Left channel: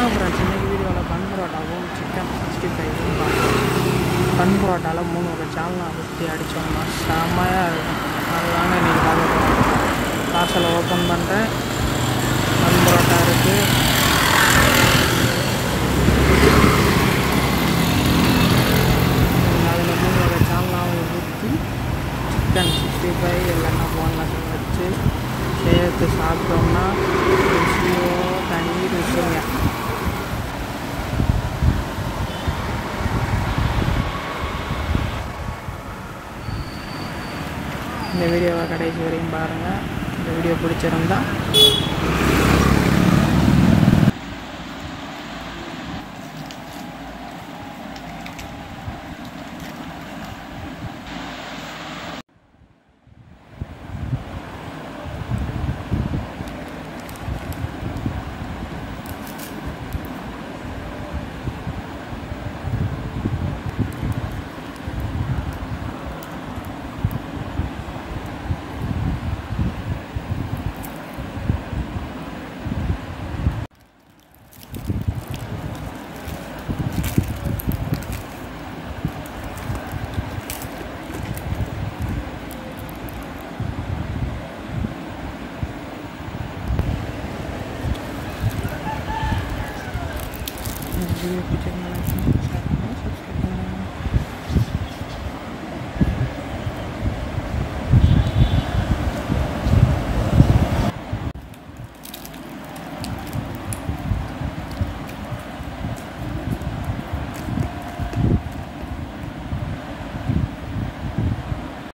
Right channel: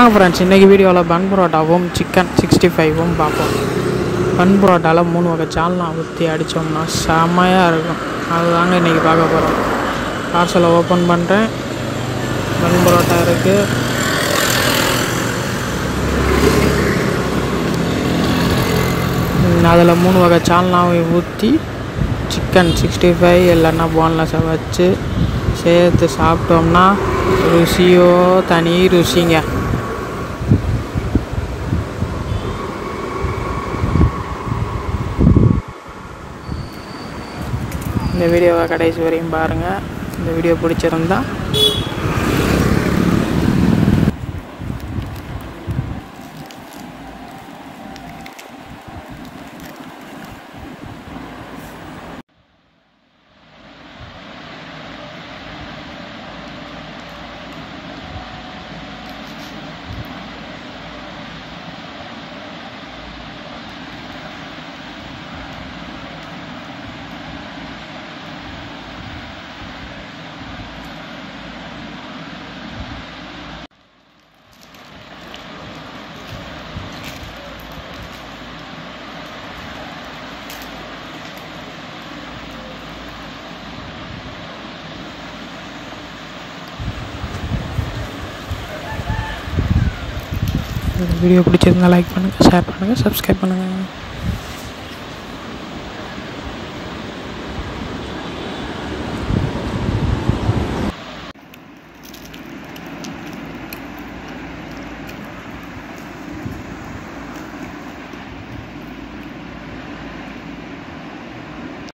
வாங்க ஃப்ரெண்ட்ஸ், இன்றைக்கி வீடியோவில் பன் பரோட்டாவும் சிக்கன் 65வும் பார்ப்போம். பன் பரோட்டாவில் 3 வகை சால்னா ஊற்றி அடித்தோம்னா செம்மையாக இருக்கும். அதுதாங்க இன்றைக்கி பார்க்க போகிறோம். பார்சலை ஓப்பன் பண்ணுறேன். பன் பரோட்டா இருக்குது. அதில் 3 வகை சால்னாவை ஊற்றி சிக்கன் 65 இல்லைன்னா போன்லெஸ்ஸை வச்சு சேர்த்து சாப்பிட்டோம்னா ருசியோ தனி ருசிங்க. இந்த வீடியோவை கடைசி வரையும் பாருங்கள். இந்த வீடியோ பிடிச்சிருந்தா வீடியோ பிடிச்சிருந்தா லைக் பண்ணுங்கள், ஷேர் பண்ணுங்கள், சப்ஸ்கிரைப் பண்ணுங்கள்.